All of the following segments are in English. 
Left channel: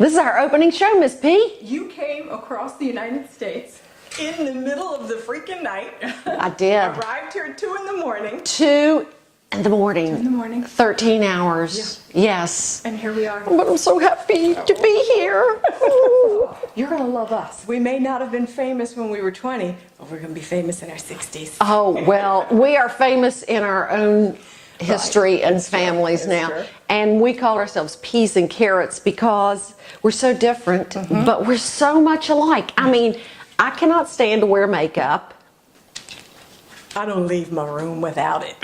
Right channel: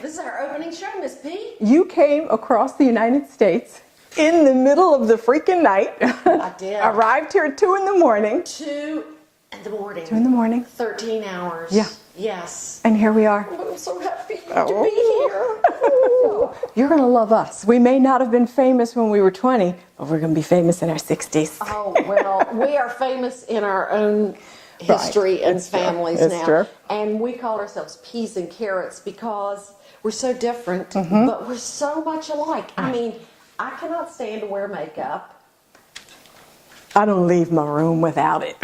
This is our opening show, Miss P. You came across the United States in the middle of the freaking night. I did. Arrived here at 2 in the morning. 2 in the morning. 2 in the morning. 13 hours. Yeah. Yes. And here we are. But I'm so happy to be here. You're going to love us. We may not have been famous when we were 20, but we're going to be famous in our 60s. Oh, well, we are famous in our own history and families now. True. And we call ourselves peas and carrots because we're so different, but we're so much alike. I mean, I cannot stand to wear makeup. I don't leave my room without it.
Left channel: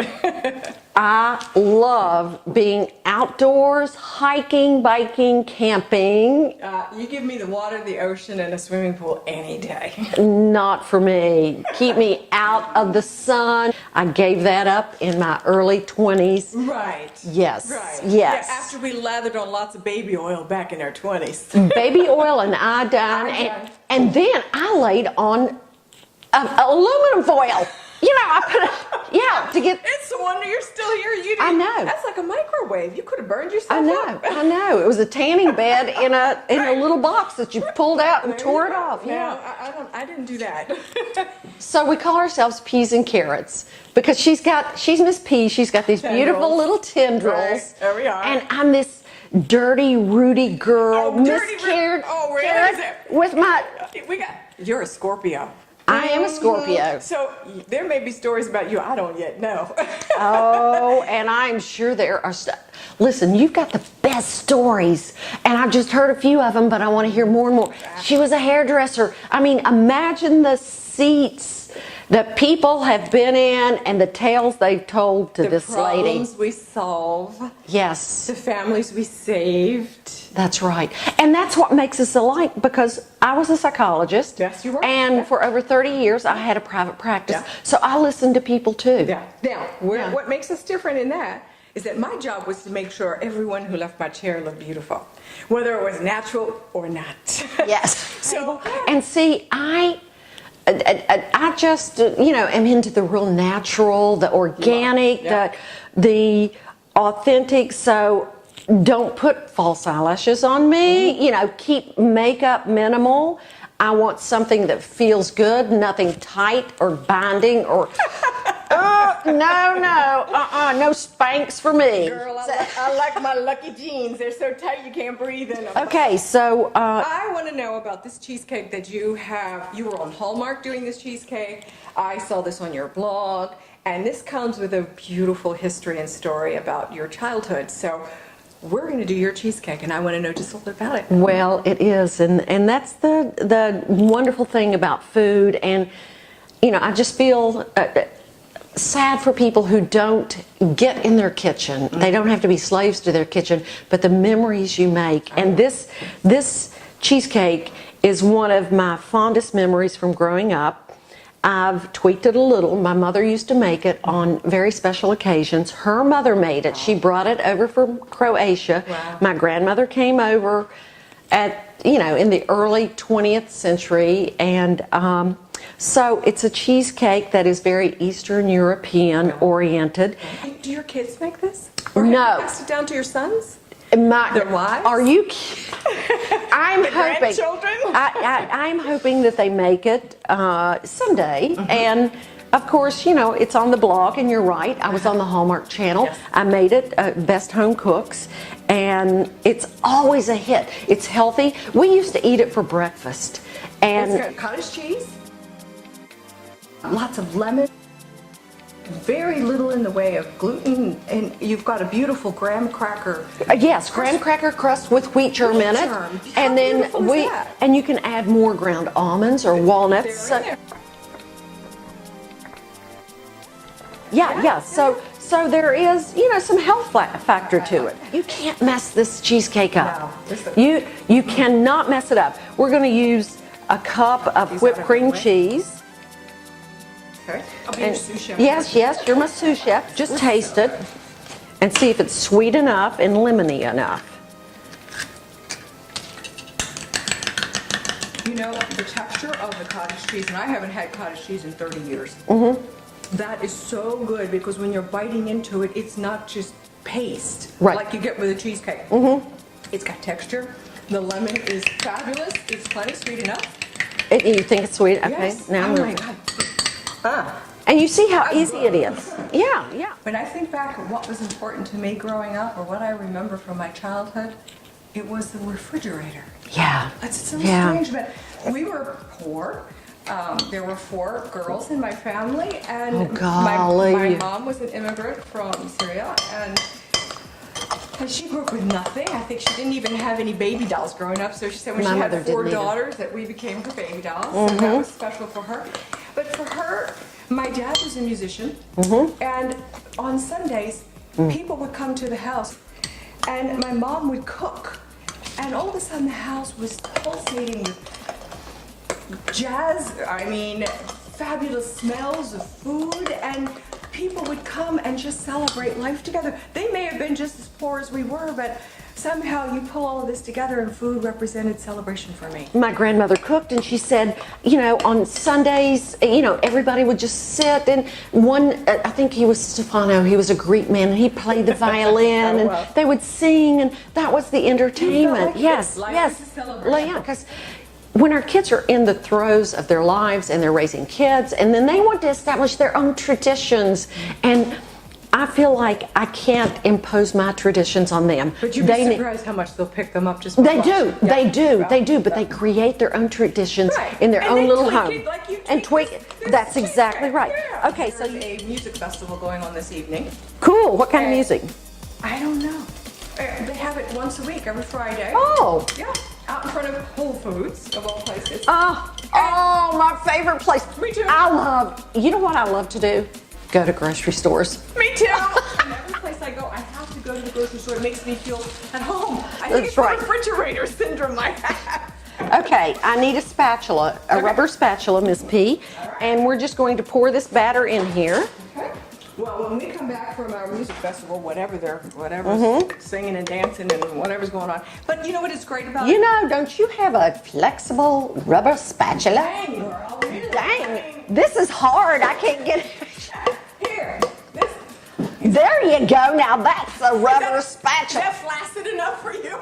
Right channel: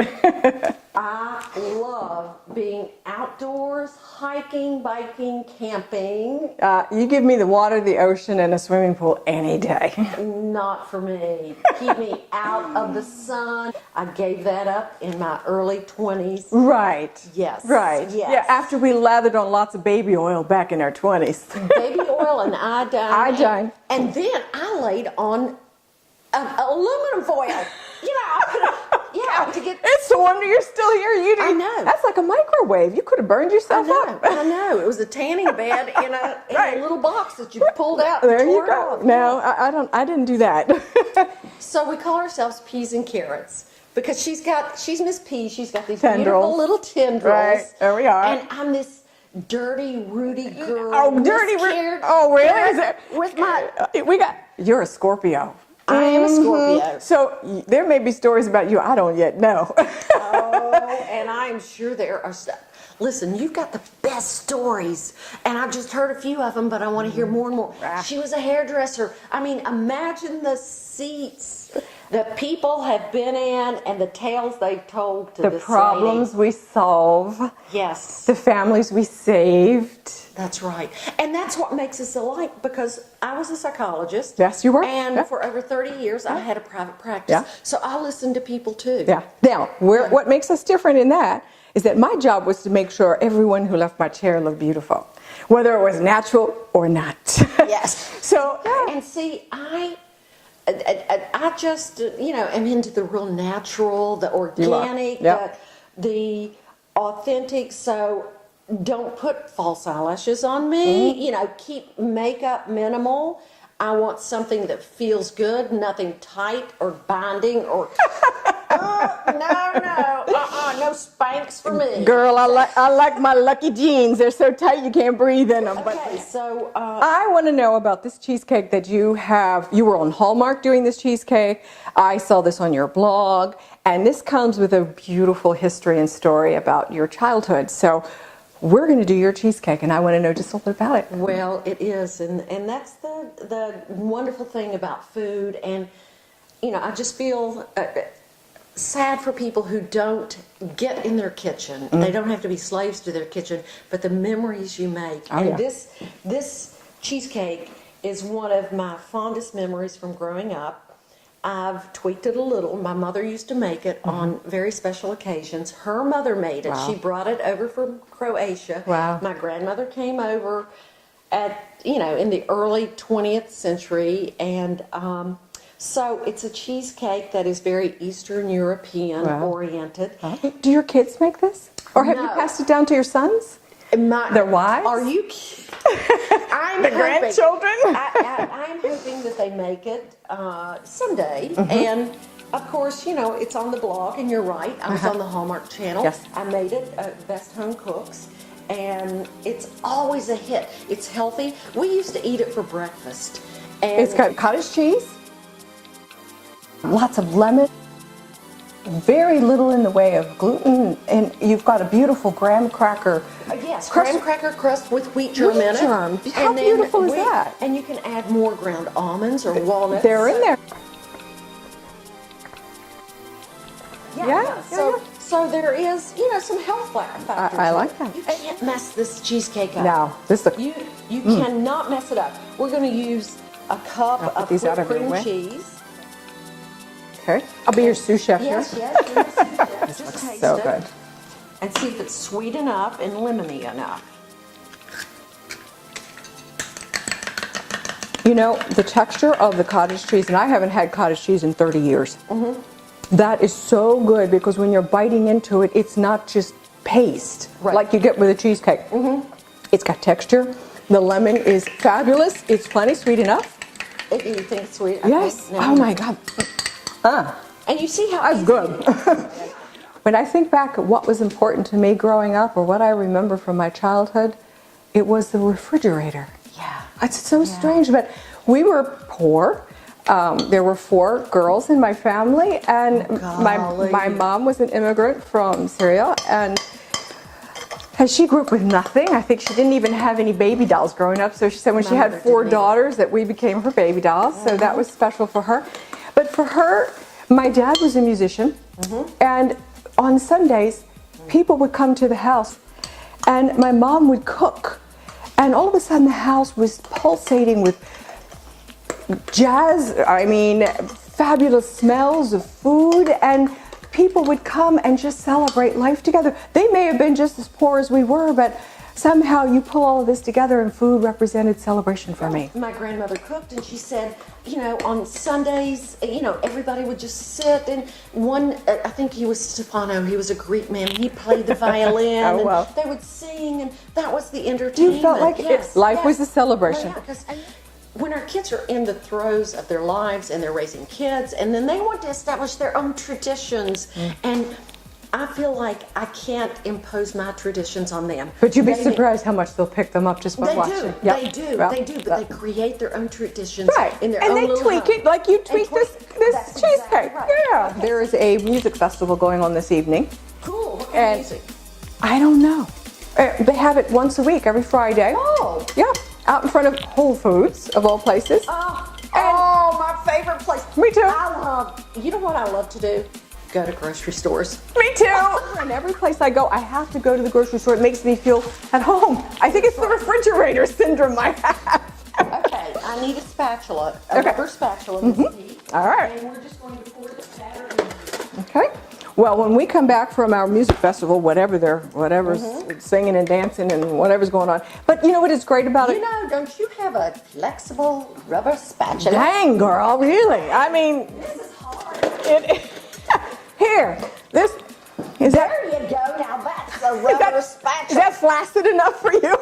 I love being outdoors, hiking, biking, camping. You give me the water, the ocean, and a swimming pool any day. Not for me. Keep me out of the sun. I gave that up in my early 20s. Right. Yes. Right. Yes. Yeah, after we lathered on lots of baby oil back in our 20s. Baby oil and iodine. And then I laid on aluminum foil. You know, I put to get. It's a wonder you're still here. I know. That's like a microwave. You could have burned yourself up. I know. It was a tanning bed in a little box that you pulled out and tore it off. No, I didn't do that. So we call ourselves Peas and Carrots because she's Miss P. She's got these beautiful little tendrils. Right. There we are. And I'm this dirty, Rudy girl. Oh, dirty Rudy. Oh, really? With my. You're a Scorpio. I am a Scorpio. So there may be stories about you I don't yet know. Oh, and I'm sure there are. Listen, you've got the best stories, and I've just heard a few of them, but I want to hear more and more. She was a hairdresser. I mean, imagine the seats that people have been in and the tales they've told to this lady. The problems we solve. Yes. The families we saved. That's right. And that's what makes us alike because I was a psychologist. Yes, you were. And for over 30 years, I had a private practice. Yeah. So I listened to people too. Yeah. Now, what makes us different in that is that my job was to make sure everyone who left my chair looked beautiful, whether it was natural or not. Yes. So, and see, I just, am into the real natural, the organic, the authentic. So don't put false eyelashes on me. Keep makeup minimal. I want something that feels good, nothing tight or binding or. No Spanx for me. Girl, I like my lucky jeans. They're so tight you can't breathe in them. Okay, so I want to know about this cheesecake that you have. You were on Hallmark doing this cheesecake. I saw this on your blog, and this comes with a beautiful history and story about your childhood. So we're going to do your cheesecake, and I want to know just a little bit about it. Well, it is, and that's the wonderful thing about food, and I just feel sad for people who don't get in their kitchen. They don't have to be slaves to their kitchen, but the memories you make. This cheesecake is one of my fondest memories from growing up. I've tweaked it a little. My mother used to make it on very special occasions. Her mother made it. Wow. She brought it over from Croatia. Wow. My grandmother came over in the early 20th century, and so it's a cheesecake that is very Eastern European oriented. Do your kids make this? Or have you passed it down to your sons? Their wives? Are you? I'm the hoping. Grandchildren? I'm hoping that they make it someday. And of course, it's on the blog, and you're right. I was on the Hallmark Channel. Yes. I made it Best Home Cooks, and it's always a hit. It's healthy. We used to eat it for breakfast. And it's got cottage cheese, lots of lemon, very little in the way of gluten, and you've got a beautiful graham cracker. Yes, graham cracker crust with wheat germ in it. How beautiful is that? And you can add more ground almonds or walnuts. They're in there. Yeah. So there is, some health factor to it. That. You can't mess this cheesecake up. No, you cannot mess it up. We're going to use a cup of whipped cream cheese. Okay. I'll be your sous chef. Yes, you're my sous chef. Just taste it and see if it's sweet enough and lemony enough. The texture of the cottage cheese, and I haven't had cottage cheese in 30 years. That is so good because when you're biting into it, it's not just paste like you get with a cheesecake. It's got texture. The lemon is fabulous. It's plenty sweet enough. You think it's sweet? Okay. Yes. Now Oh my God. And you see how That's easy good. it is. Yeah, yeah. When I think back at what was important to me growing up, or what I remember from my childhood, it was the refrigerator. Yeah. It's so Yeah. strange, but we were poor. There were 4 girls in my family, and my mom was an immigrant from Syria, and she grew up with nothing. I think she didn't even have any baby dolls growing up, so she said when My she had mother 4 didn't either. daughters that we became her baby dolls, so that was special for her. But for her, my dad was a musician, and on Sundays, people would come to the house, and my mom would cook, and all of a sudden the house was pulsating with fabulous smells of food, and people would come and just celebrate life together. They may have been just as poor as we were, but somehow you pull all of this together, and food represented celebration for me. My grandmother cooked, and she said, on Sundays, everybody would just sit, and I think he was Stefano, he was a Greek man, and he played the violin, Oh, wow. and they would sing, and that was the You entertainment. felt like life was a celebration. Well, yeah, because when our kids are in the throes of their lives and they're raising kids, and then they want to establish their own traditions, and I feel like I can't impose my traditions on them. But you'd be surprised how much they'll pick them up just by watching. They do, but they create their own traditions in their own little home. It like you tweak this That's exactly cheesecake. right. Yeah. Okay, There is a music festival going on this evening. Cool. What kind of And music? I don't know. They have it once a week, every Friday. Oh. Yeah. Out in front of Whole Foods, of all places. Oh, my favorite place. Me too. You know what I love to do? Go to grocery stores. Me too. And every place I go, I have to go to the grocery store. It makes me feel at home. I think it's the refrigerator syndrome I have. Okay, I need a spatula, a rubber spatula, Miss P. All right. And we're just going to pour this batter in here. Okay. Well, when we come back from our music festival, whatever's singing and dancing and whatever's going on. But you know what is great about it? Don't you have a flexible rubber spatula? Dang, girl, really? Dang. I mean, This is hard. I can't get. here, this. There you go. Now that's a rubber Is spatula. that flaccid enough for you?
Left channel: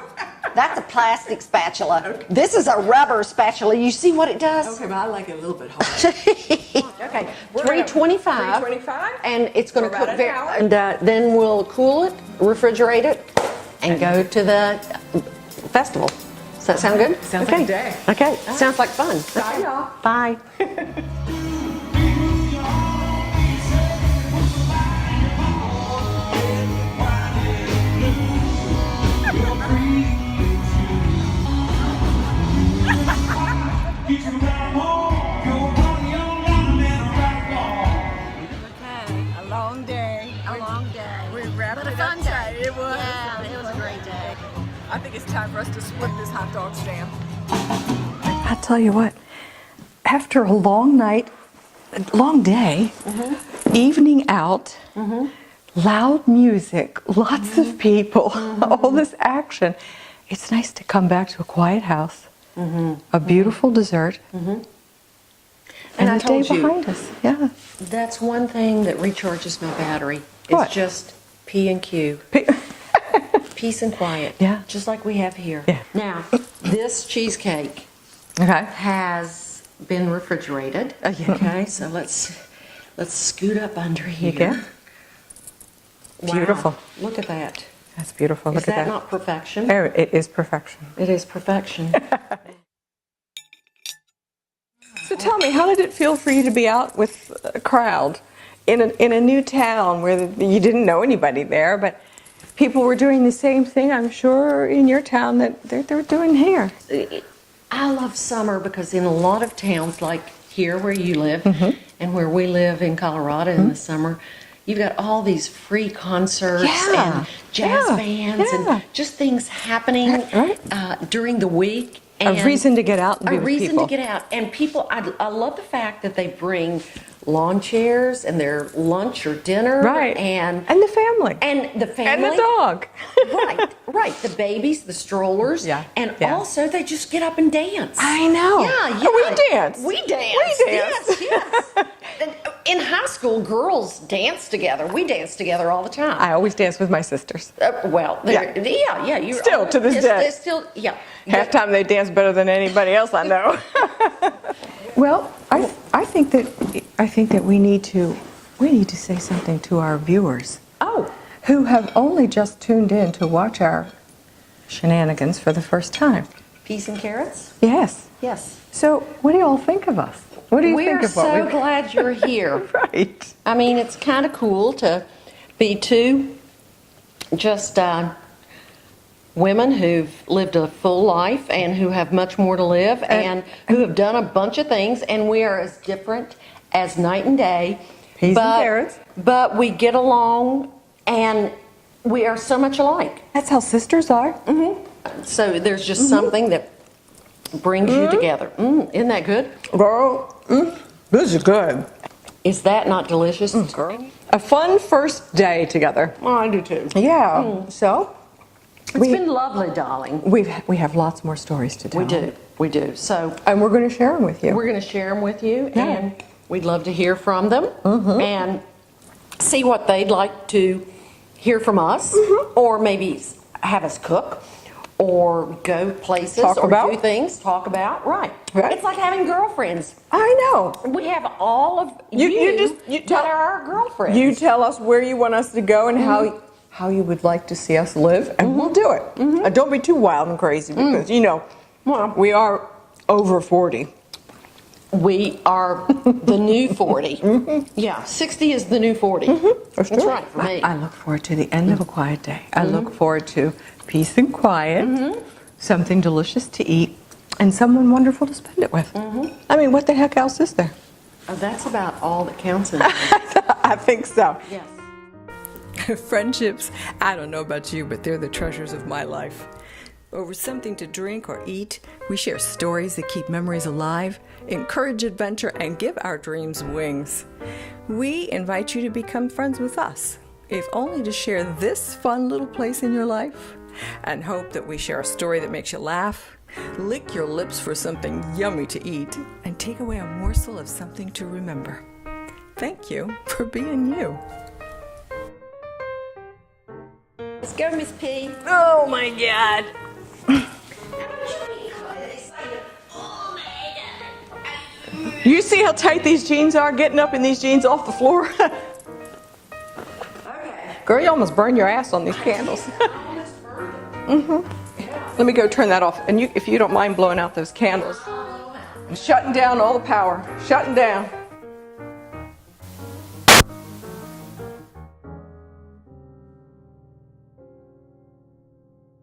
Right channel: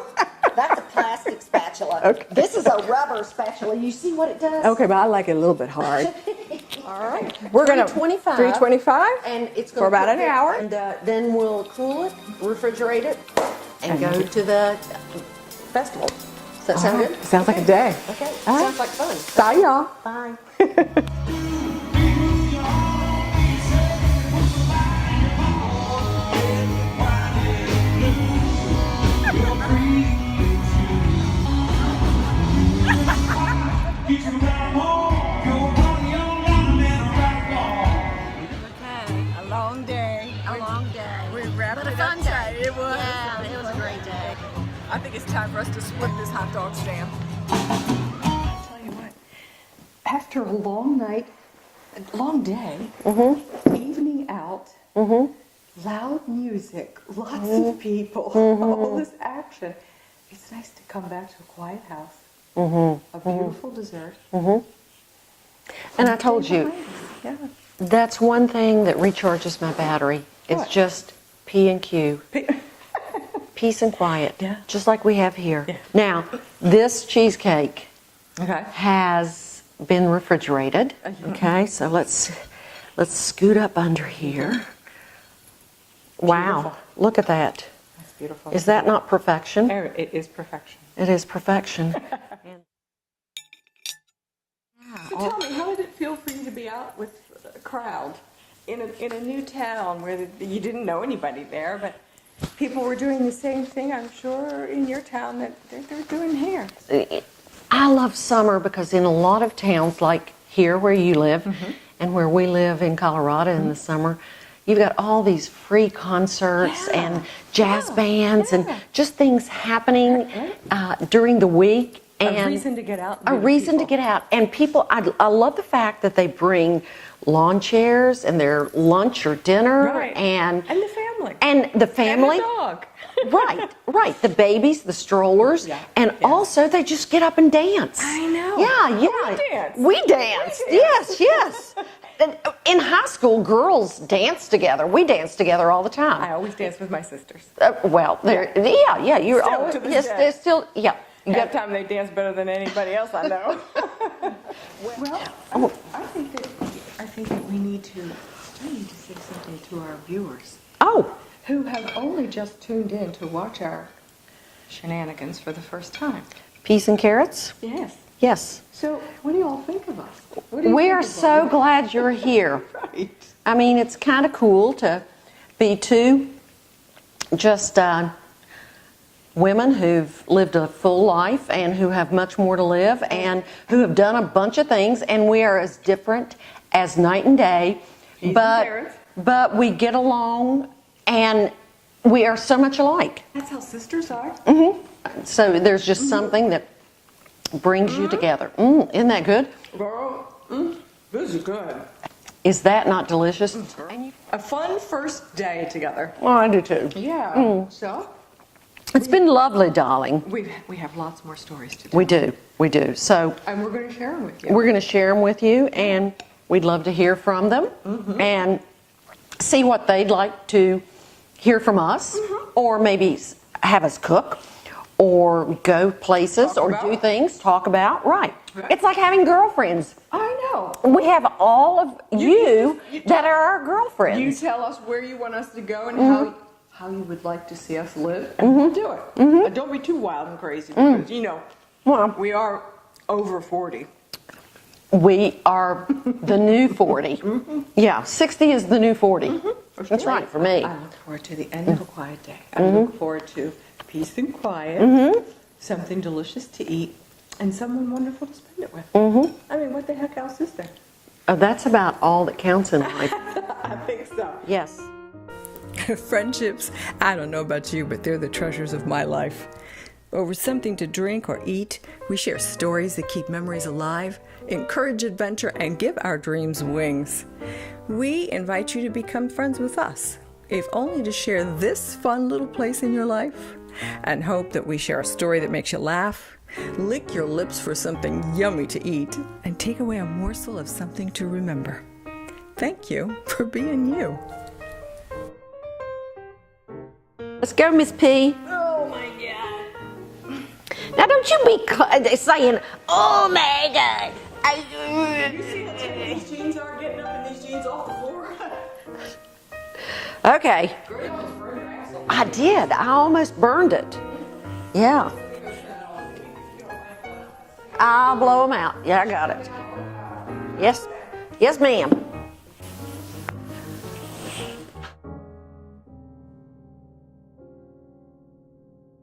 That's a plastic spatula. Okay. This is a rubber spatula. You see what it does? Okay, but I like it a little bit hard. Okay. We're gonna 325. 325, And it's going for to about an hour. And then we'll cool it, refrigerate it, and go to the festival. Does that sound good? Sounds like a day. Okay. Sounds like fun. Bye, y'all. Bye. A long day. A long day. We wrapped But a it fun up day. tight. It was. Yeah, it was a great day. I think it's time for us to split this hot dog stand. I tell you what, after a long night, a long day, evening out, loud music, lots of people, all this action, it's nice to come back to a quiet house, a beautiful dessert, And I a told day you, behind us. Yeah. that's one thing that recharges my battery. What? It's just P and Q. Peace and quiet. Yeah. Just like we have here. Yeah. Now, this cheesecake Okay. has been refrigerated. Yeah. Okay, so let's scoot up under here. Okay. Wow. Beautiful. Look at that. That's beautiful. Is Look at that not perfection? Oh, it is perfection. It is perfection. So tell me, how did it feel for you to be out with a crowd in a new town where you didn't know anybody there, but people were doing the same thing, I'm sure, in your town that they're doing here? I love summer because in a lot of towns like here where you live and where we live in Colorado in the summer, you've got all these free concerts and jazz bands and just things happening during the week. And A reason to get out and be a with reason people. to get out. And people, I love the fact that they bring lawn chairs and their lunch or dinner. Right. And the family. And the family. And the dog. Right. The babies, the strollers. Yeah, And yeah. also they just get up and dance. I know. Yeah. We dance. We dance. We dance. Yes. in high school, girls dance together. We dance together all the time. I always dance with my sisters. Well, yeah. You're Still to this day. They're still, yeah. Half time they dance better than anybody else I know. Well, I think that we need to say something to our viewers. Oh, Who have only just tuned in to watch our shenanigans for the first time. peas and carrots? Yes. Yes. So, what do you all think of us? What do you We're think of what so we- glad you're here. Right. I mean, it's kind of cool to be two just women who've lived a full life and who have much more to live and who have done a bunch of things, and we are as different as night and day. Peas and carrots. But we get along and we are so much alike. That's how sisters are. So there's just something that brings you together. Isn't that good? Girl, this is good. Is that not delicious? Girl. A fun first day together. Oh, I do too. Yeah. So, It's been lovely, darling. we have lots more stories to tell. We do. So And we're going to share them with you. we're going to share them with you, and we'd love to hear from them and see what they'd like to hear from us, or maybe have us cook, or go places, Talk or about. do things, talk about. Right. Right. It's like having girlfriends. I know. We have all of you that that are our girlfriends. You tell us where you want us to go and how you would like to see us live, and we'll do it. And don't be too wild and crazy because, we are over 40. We are the new 40. Yeah, 60 is the new 40. That's right for me. I look forward to the end of a quiet day. I look forward to peace and quiet, something delicious to eat, and someone wonderful to spend it with. I mean, what the heck else is there? That's about all that counts in life. I think so. Yes. Friendships, I don't know about you, but they're the treasures of my life. Over something to drink or eat, we share stories that keep memories alive, encourage adventure, and give our dreams wings. We invite you to become friends with us, if only to share this fun little place in your life, and hope that we share a story that makes you laugh, lick your lips for something yummy to eat, and take away a morsel of something to remember. Thank you for being you. Let's go, Miss P. Oh my God. Now, don't you be saying, oh my God. You see how tight these jeans are, getting up in these jeans off the floor? Okay. Girl, you almost burned your ass on these I candles. did. I almost burned it. Yeah. Let me go turn that off. And if you don't mind blowing out those candles. I'll blow them out. Yeah, I got Shutting it. down all the power. Shutting Yes. down. Yes, ma'am.